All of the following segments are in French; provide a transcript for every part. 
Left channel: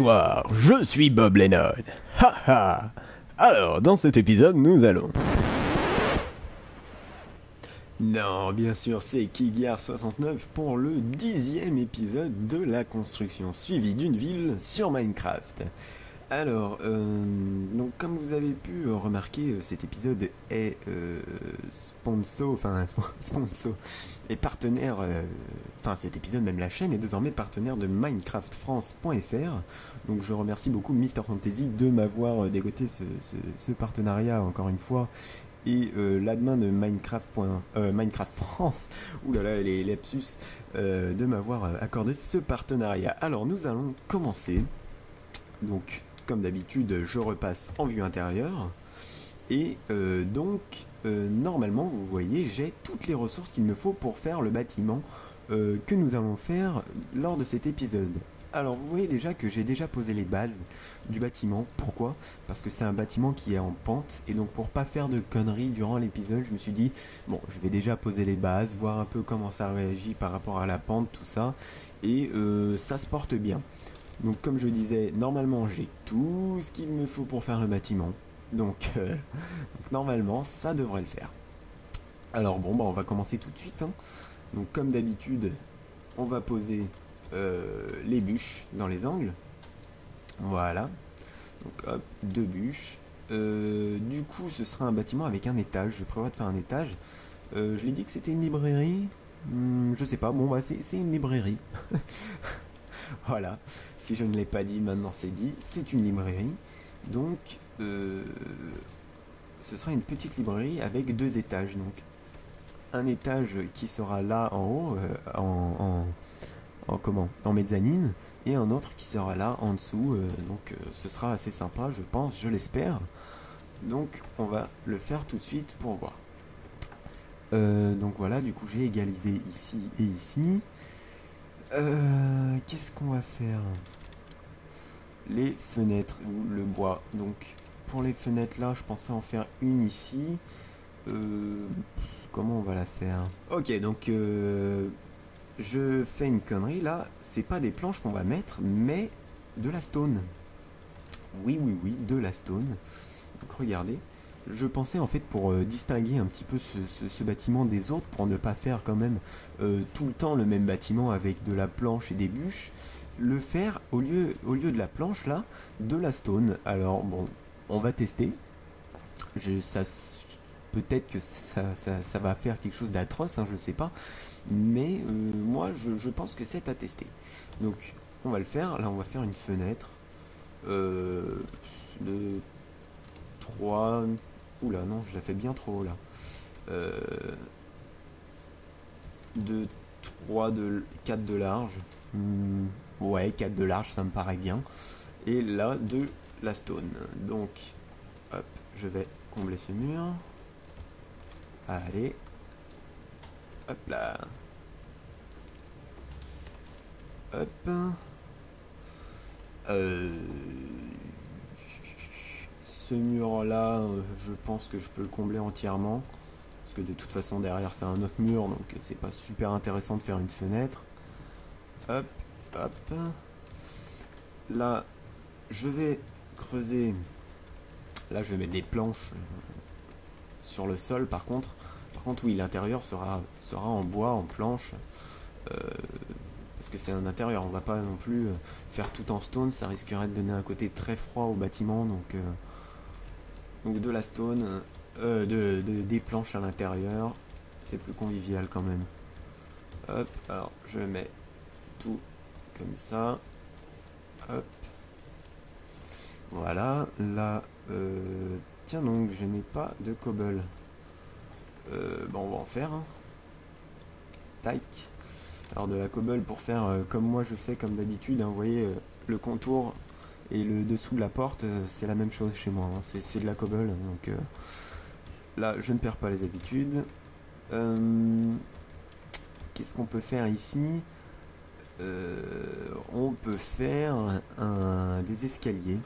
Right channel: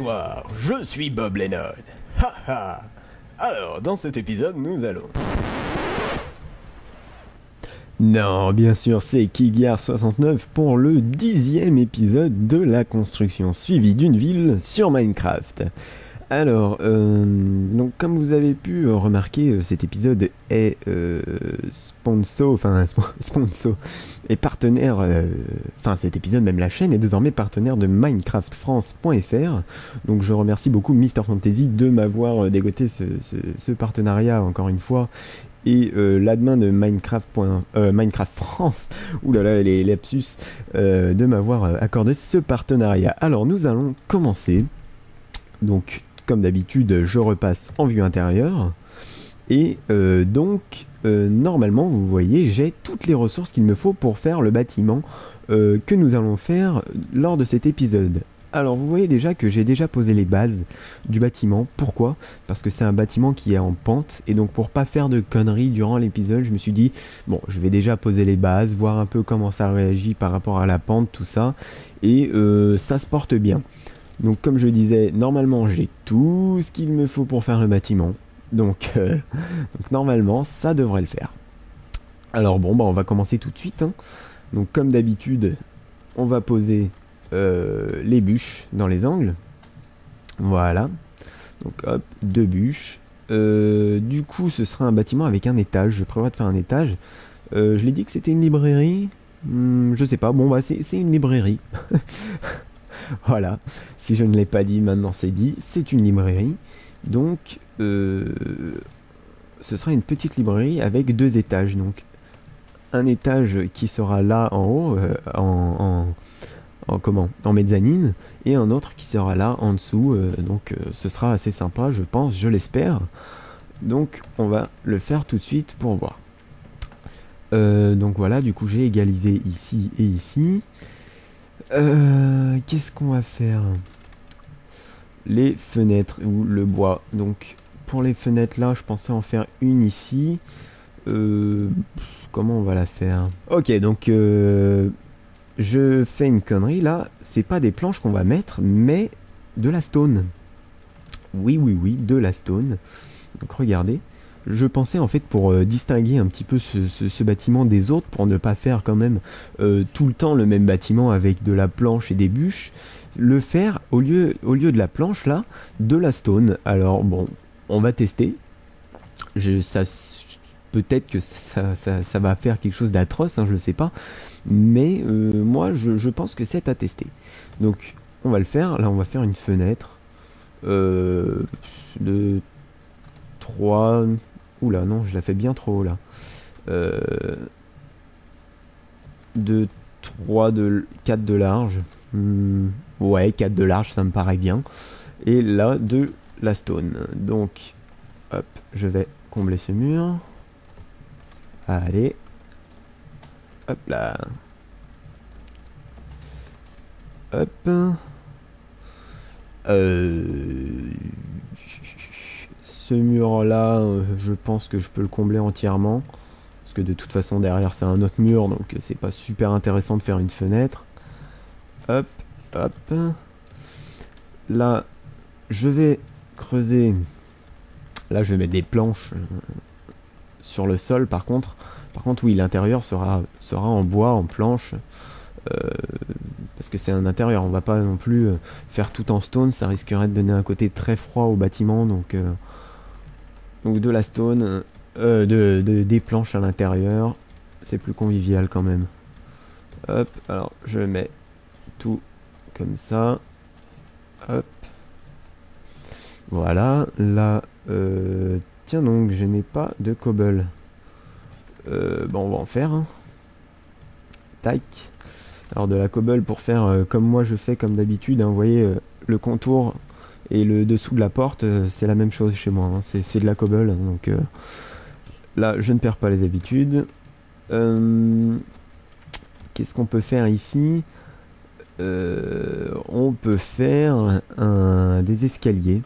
Bonsoir, je suis Bob Lennon. Haha. Alors, dans cet épisode, nous allons... Non, bien sûr, c'est Kiggar69 pour le 10e épisode de la construction suivie d'une ville sur Minecraft. Alors, donc comme vous avez pu remarquer, cet épisode est sponsor et partenaire, cet épisode, même la chaîne est désormais partenaire de minecraftfrance.fr. Donc je remercie beaucoup Mister Fantasy de m'avoir dégoté ce partenariat encore une fois. Et l'admin de Minecraft France, oulala les lapsus, de m'avoir accordé ce partenariat. Alors nous allons commencer. Donc comme d'habitude je repasse en vue intérieure. Et normalement vous voyez j'ai toutes les ressources qu'il me faut pour faire le bâtiment que nous allons faire lors de cet épisode. Alors vous voyez déjà que j'ai déjà posé les bases du bâtiment. Pourquoi? Parce que c'est un bâtiment qui est en pente, et donc pour pas faire de conneries durant l'épisode, je me suis dit, bon, je vais déjà poser les bases, voir un peu comment ça réagit par rapport à la pente, tout ça, et ça se porte bien. Donc comme je disais, normalement j'ai tout ce qu'il me faut pour faire le bâtiment, donc normalement ça devrait le faire. Alors bon, on va commencer tout de suite, hein. Donc comme d'habitude, on va poser... les bûches dans les angles, voilà, donc hop, 2 bûches. Du coup ce sera un bâtiment avec un étage, je prévois de faire un étage. Je l'ai dit que c'était une librairie, je sais pas, bon c'est une librairie. Voilà, si je ne l'ai pas dit, maintenant c'est dit, c'est une librairie. Donc ce sera une petite librairie avec 2 étages, donc un étage qui sera là en haut, en mezzanine, et un autre qui sera là en dessous, ce sera assez sympa, je pense, je l'espère. Donc on va le faire tout de suite pour voir. Donc voilà, du coup j'ai égalisé ici et ici. Qu'est-ce qu'on va faire? Les fenêtres ou le bois. Donc pour les fenêtres là, je pensais en faire une ici. Comment on va la faire? Ok, donc je fais une connerie là, c'est pas des planches qu'on va mettre, mais de la stone. Oui, de la stone. Donc regardez, je pensais en fait pour distinguer un petit peu ce bâtiment des autres, pour ne pas faire quand même tout le temps le même bâtiment avec de la planche et des bûches, le faire au lieu de la planche là, de la stone. Alors bon, on va tester. Peut-être que ça va faire quelque chose d'atroce, hein, je ne sais pas. Mais moi, je pense que c'est à tester. Donc, on va le faire. Là, on va faire une fenêtre de 3... Oula, non, je la fais bien trop haut, là. De 4 de large. Ouais, 4 de large, ça me paraît bien. Et là, de la stone. Donc, hop, je vais combler ce mur. Allez. Hop là. Hop. Ce mur là, je pense que je peux le combler entièrement. Parce que de toute façon derrière c'est un autre mur, donc c'est pas super intéressant de faire une fenêtre. Hop, hop. Là, je vais creuser. Là, je vais mettre des planches sur le sol par contre. Par contre, oui, l'intérieur sera en bois, en planche, parce que c'est un intérieur. On va pas non plus faire tout en stone, ça risquerait de donner un côté très froid au bâtiment. Donc de la stone, des planches à l'intérieur, c'est plus convivial quand même. Hop, alors je mets tout comme ça. Hop. Voilà, là, tiens donc, je n'ai pas de cobble. Bon, on va en faire, hein. Tac. Alors de la cobble pour faire comme moi je fais comme d'habitude, hein. Vous voyez le contour et le dessous de la porte, c'est la même chose chez moi, hein. C'est de la cobble, donc là je ne perds pas les habitudes. Qu'est-ce qu'on peut faire ici? On peut faire des escaliers.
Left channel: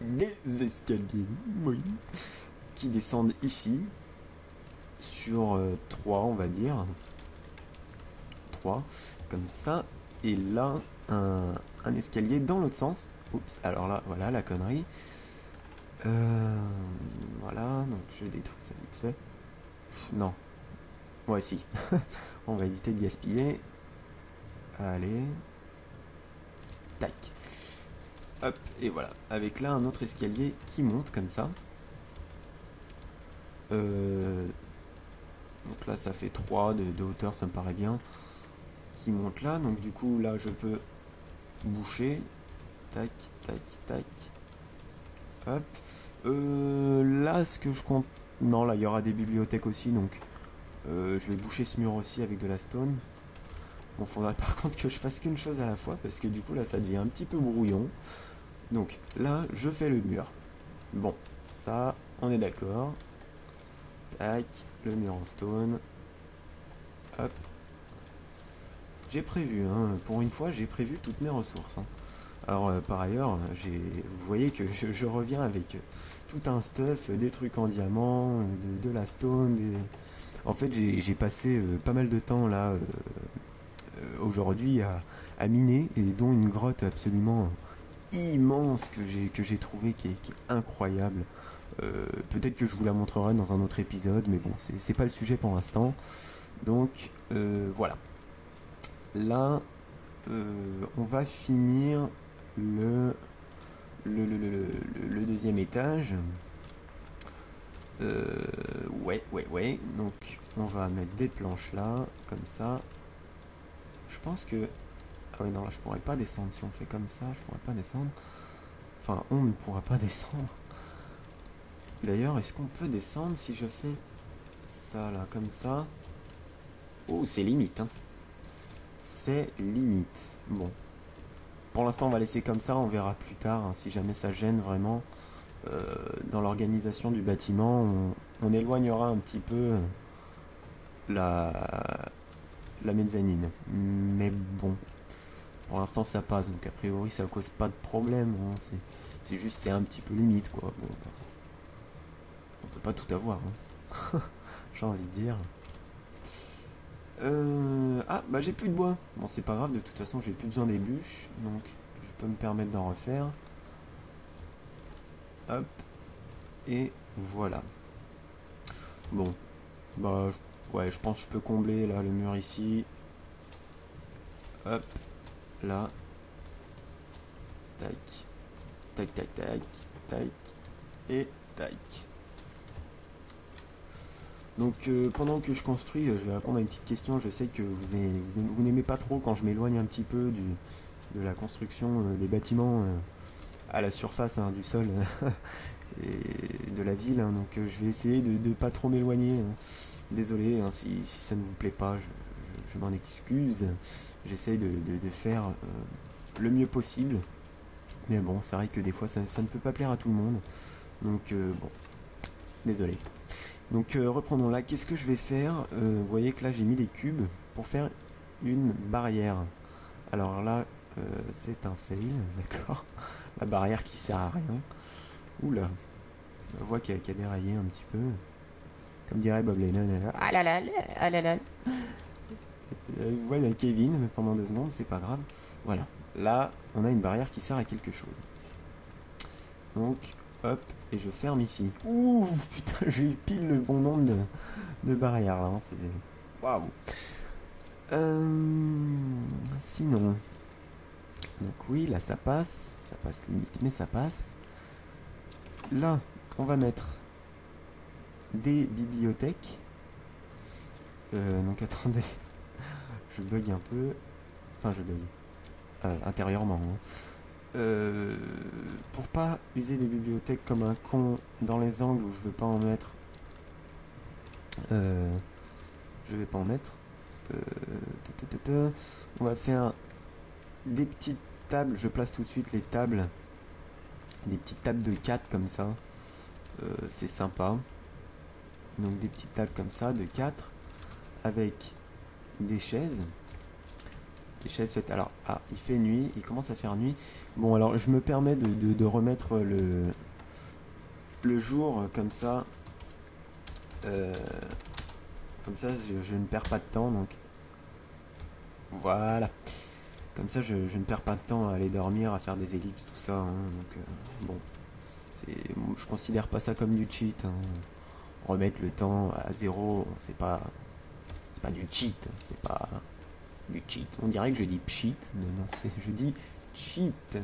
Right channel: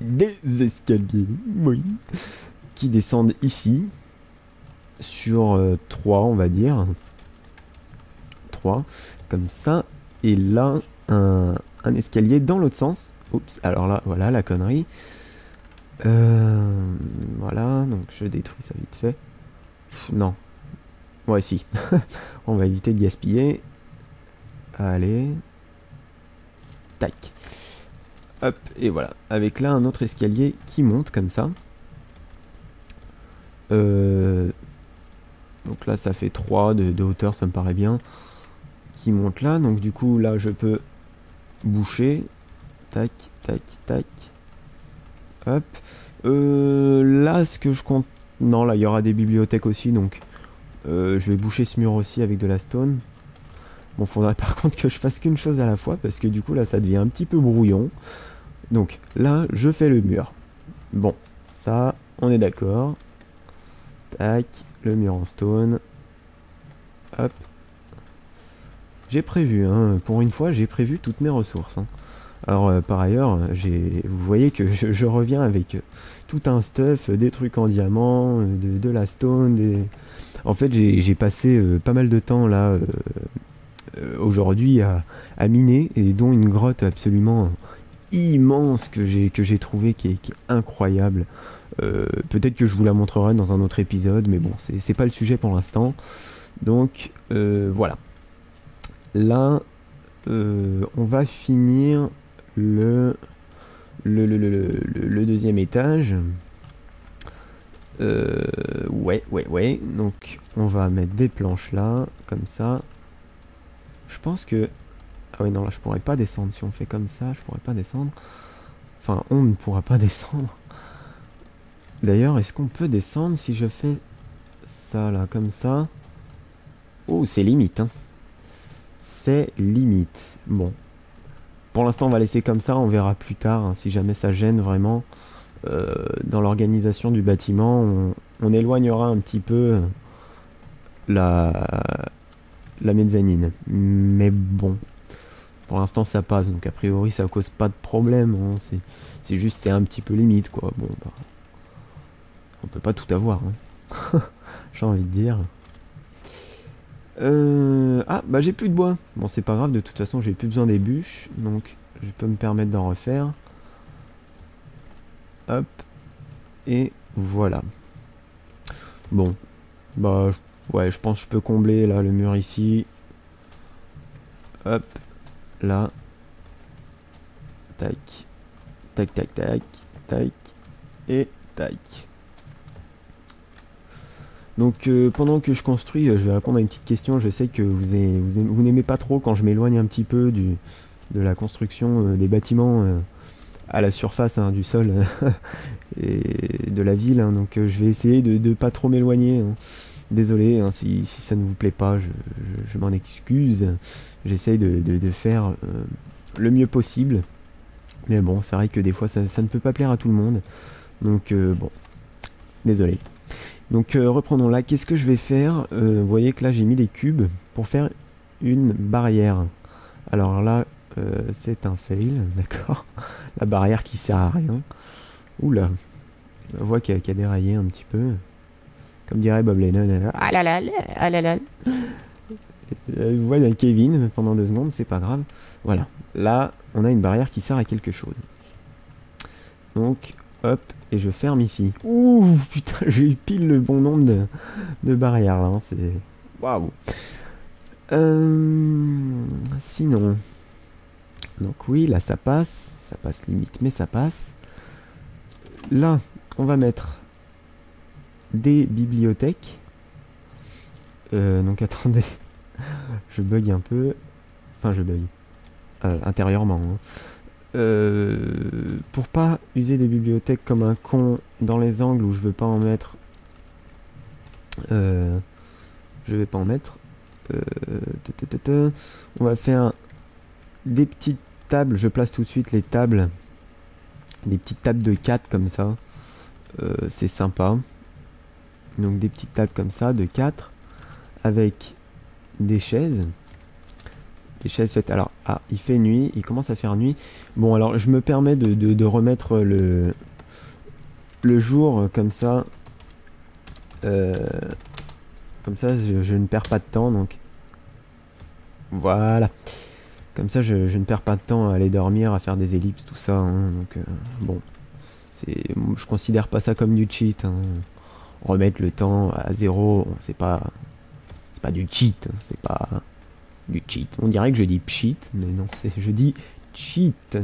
Des escaliers, oui. Qui descendent ici. Sur 3 on va dire. 3 comme ça. Et là un, un escalier dans l'autre sens. Oups, alors là, voilà la connerie. Voilà, donc je détruis ça vite fait. Non. Ouais, si. On va éviter de gaspiller. Allez. Tac. Hop, et voilà. Avec là un autre escalier qui monte comme ça. Donc là, ça fait 3 de hauteur, ça me paraît bien. Qui monte là. Donc du coup, là, je peux boucher. Tac, tac, tac. Hop. Là, ce que je compte... Non, là, il y aura des bibliothèques aussi, donc... je vais boucher ce mur aussi avec de la stone. Bon, faudrait par contre que je fasse qu'une chose à la fois, parce que du coup, là, ça devient un petit peu brouillon. Donc, là, je fais le mur. Bon, ça, on est d'accord. Tac, le mur en stone. Hop. J'ai prévu, hein, pour une fois, j'ai prévu toutes mes ressources. Hein. Alors, par ailleurs, vous voyez que je reviens avec tout un stuff, des trucs en diamant, de la stone. En fait, j'ai passé pas mal de temps là, aujourd'hui, à miner, et dont une grotte absolument immense que j'ai trouvé qui est incroyable. Peut-être que je vous la montrerai dans un autre épisode, mais bon, c'est pas le sujet pour l'instant. Donc voilà. Là, on va finir le deuxième étage. Ouais. Donc on va mettre des planches là, comme ça. Je pense que... Ah oui, non, là je pourrais pas descendre. Si on fait comme ça, je pourrais pas descendre. Enfin, on ne pourra pas descendre. D'ailleurs, est-ce qu'on peut descendre si je fais ça là, comme ça? Oh, c'est limite, hein. C'est limite. Bon. Pour l'instant, on va laisser comme ça. On verra plus tard, hein, si jamais ça gêne vraiment. Dans l'organisation du bâtiment, on éloignera un petit peu la, la mezzanine. Mais bon, pour l'instant, ça passe. Donc, a priori, ça cause pas de problème. Hein. C'est juste, c'est un petit peu limite, quoi. Bon, bah, on peut pas tout avoir, hein. J'ai envie de dire. Ah, bah j'ai plus de bois. Bon, c'est pas grave, de toute façon, j'ai plus besoin des bûches. Donc, je peux me permettre d'en refaire. Hop. Et voilà. Bon. Bah, ouais, je pense que je peux combler là le mur ici. Hop. Là. Tac. Tac, tac, tac. Tac. Et tac. Donc pendant que je construis, je vais répondre à une petite question. Je sais que vous n'aimez pas trop quand je m'éloigne un petit peu de la construction des bâtiments à la surface, hein, du sol et de la ville. Hein. Donc je vais essayer de pas trop m'éloigner. Hein. Désolé, hein, si ça ne vous plaît pas, je m'en excuse. J'essaye de faire le mieux possible. Mais bon, c'est vrai que des fois ça ne peut pas plaire à tout le monde. Donc bon, désolé. Donc reprenons là, qu'est-ce que je vais faire? Vous voyez que là j'ai mis des cubes pour faire une barrière. Alors là, c'est un fail, d'accord. La barrière qui sert à rien. Oula, on voit qu'elle a déraillé un petit peu. Comme dirait Bob Lennon. Ah là là, ah là là. Vous voyez Kevin pendant 2 secondes, c'est pas grave. Voilà, là on a une barrière qui sert à quelque chose. Donc, hop, et je ferme ici. Ouh, putain, j'ai eu pile le bon nombre de barrières là, hein, c'est... Waouh. Sinon... Donc oui, là ça passe limite, mais ça passe. Là, on va mettre des bibliothèques. Donc attendez, je bug un peu. Enfin, je bug. Intérieurement. Hein. Pour pas user des bibliothèques comme un con dans les angles où je veux pas en mettre, je vais pas en mettre. On va faire des petites tables. Je place tout de suite les tables, des petites tables de 4 comme ça. C'est sympa. Donc des petites tables comme ça de 4 avec des chaises. Des chaises faites. Alors, ah, il fait nuit, il commence à faire nuit. Bon, alors je me permets de remettre le jour comme ça. Comme ça, je ne perds pas de temps. Donc, voilà. Comme ça, je ne perds pas de temps à aller dormir, à faire des ellipses, tout ça. Hein, donc, bon, je considère pas ça comme du cheat. Hein. Remettre le temps à zéro, c'est pas du cheat. Hein, c'est pas du cheat. On dirait que je dis pcheat, mais non, je dis cheat.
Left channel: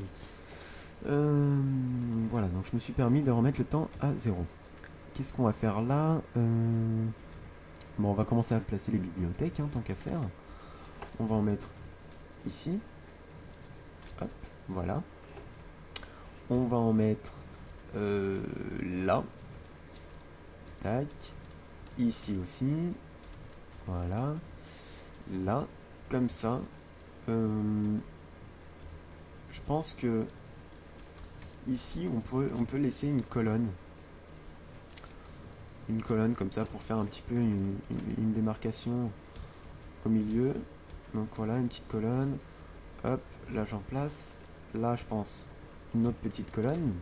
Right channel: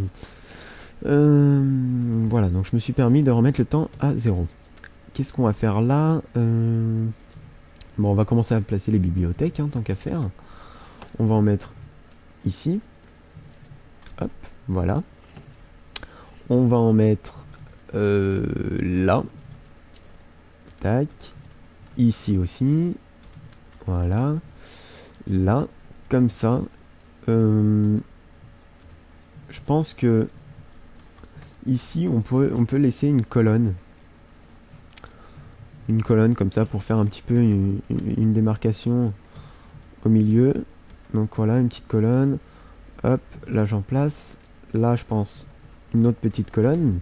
Voilà, donc je me suis permis de remettre le temps à zéro. Qu'est-ce qu'on va faire là? Bon, on va commencer à placer les bibliothèques, hein, tant qu'à faire. On va en mettre ici. Hop, voilà. On va en mettre là. Tac. Ici aussi. Voilà. Là. Comme ça. Je pense que ici, on peut laisser une colonne. Une colonne comme ça pour faire un petit peu une démarcation au milieu. Donc voilà, une petite colonne. Hop, là j'en place. Là, je pense, une autre petite colonne.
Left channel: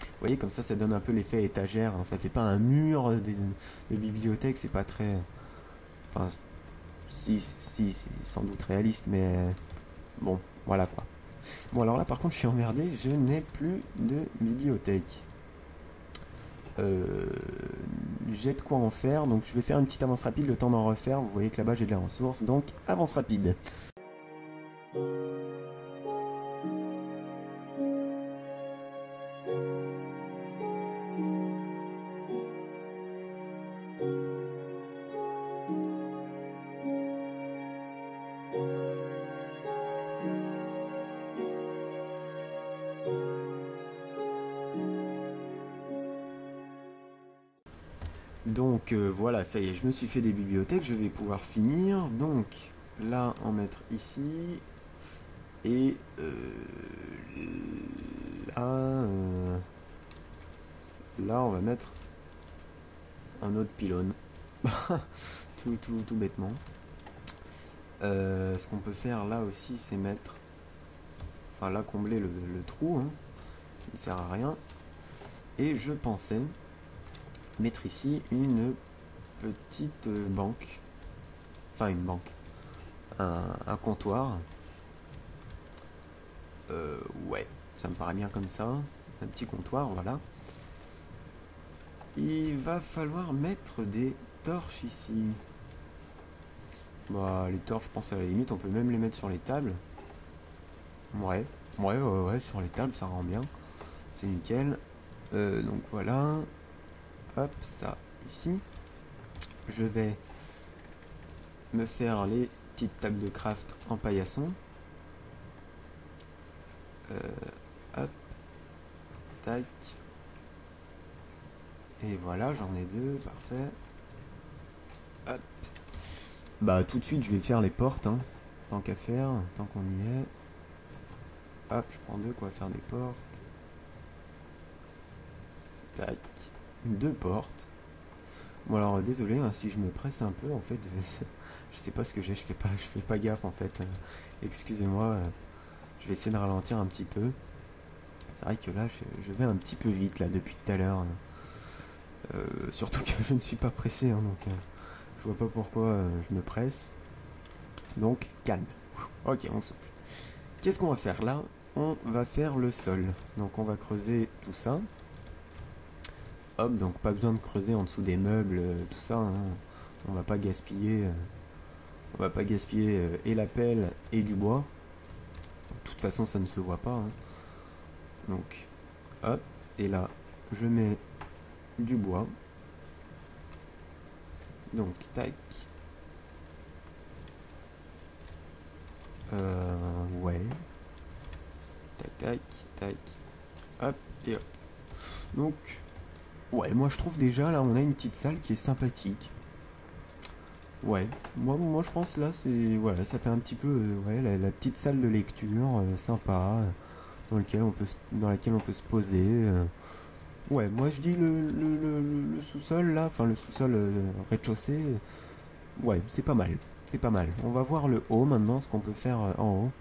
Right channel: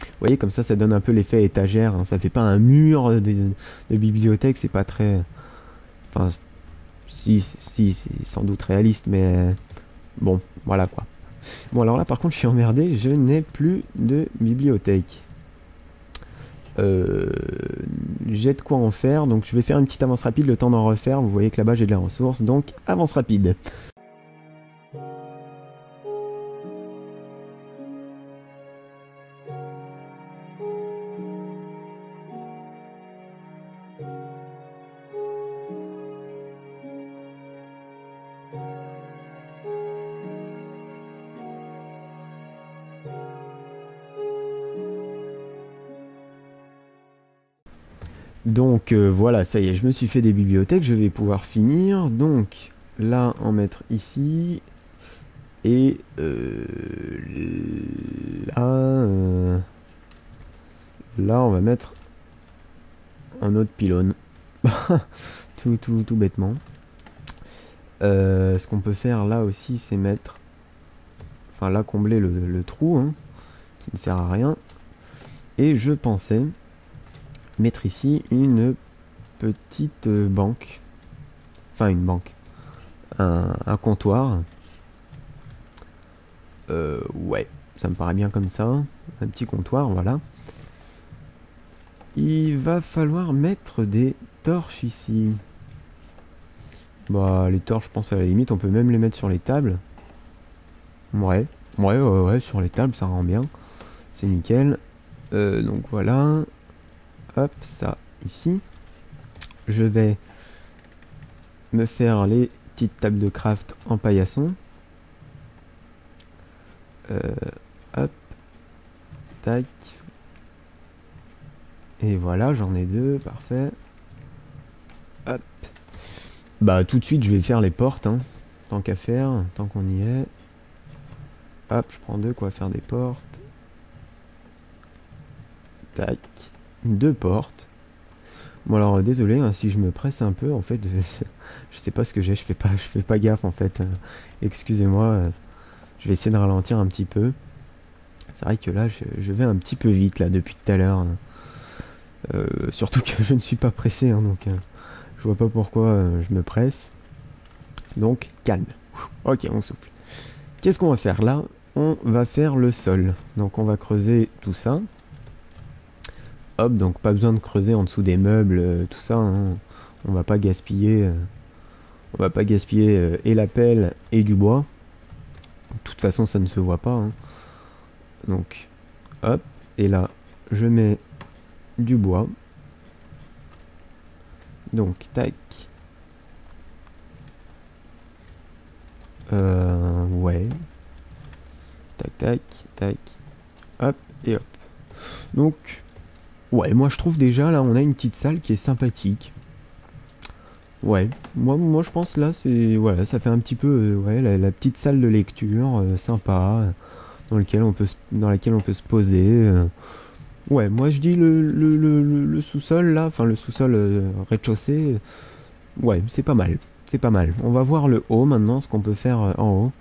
Vous voyez, comme ça donne un peu l'effet étagère. Hein. Ça fait pas un mur de bibliothèque, c'est pas très... Enfin, si, c'est sans doute réaliste, mais... Bon, voilà quoi. Bon, alors là, par contre, je suis emmerdé. Je n'ai plus de bibliothèque. J'ai de quoi en faire, donc je vais faire une petite avance rapide, le temps d'en refaire. Vous voyez que là-bas, j'ai de la ressource, donc avance rapide. Donc voilà, ça y est, je me suis fait des bibliothèques, je vais pouvoir finir. Donc là, en mettre ici. Et là, on va mettre un autre pylône. tout bêtement. Ce qu'on peut faire là aussi, c'est mettre... Enfin là, combler le trou, hein, qui ne sert à rien. Et je pensais mettre ici une petite banque. Enfin une banque. Un comptoir. Ouais, ça me paraît bien comme ça. Un petit comptoir, voilà. Il va falloir mettre des torches ici. Bah les torches, je pense à la limite, on peut même les mettre sur les tables. Ouais, sur les tables, ça rend bien. C'est nickel. Donc voilà. Hop, ça ici. Je vais me faire les petites tables de craft en paillasson. Hop. Tac. Et voilà, j'en ai deux, parfait. Hop. Bah tout de suite, je vais faire les portes, hein, tant qu'à faire, tant qu'on y est. Hop, je prends deux, quoi, faire des portes. Tac. Deux portes. Bon alors désolé hein, si je me presse un peu en fait, je sais pas ce que j'ai, je fais pas gaffe en fait. Excusez-moi, je vais essayer de ralentir un petit peu. C'est vrai que là je vais un petit peu vite là depuis tout à l'heure. Surtout que je ne suis pas pressé hein, donc je vois pas pourquoi je me presse. Donc calme. Ok, on souffle. Qu'est-ce qu'on va faire là? On va faire le sol. Donc on va creuser tout ça. Hop, donc pas besoin de creuser en dessous des meubles, tout ça. Hein. On va pas gaspiller, et la pelle et du bois. De toute façon, ça ne se voit pas. Hein. Donc, hop, et là, je mets du bois. Donc, tac. Ouais. Tac, tac, tac. Hop, et hop. Donc, ouais, moi je trouve déjà là, on a une petite salle qui est sympathique. Ouais, moi je pense là, c'est voilà, ça fait un petit peu ouais, la petite salle de lecture sympa, dans laquelle on peut se poser. Ouais, moi je dis le sous-sol là, enfin le sous-sol rez-de-chaussée, ouais, c'est pas mal, c'est pas mal. On va voir le haut maintenant, ce qu'on peut faire en haut.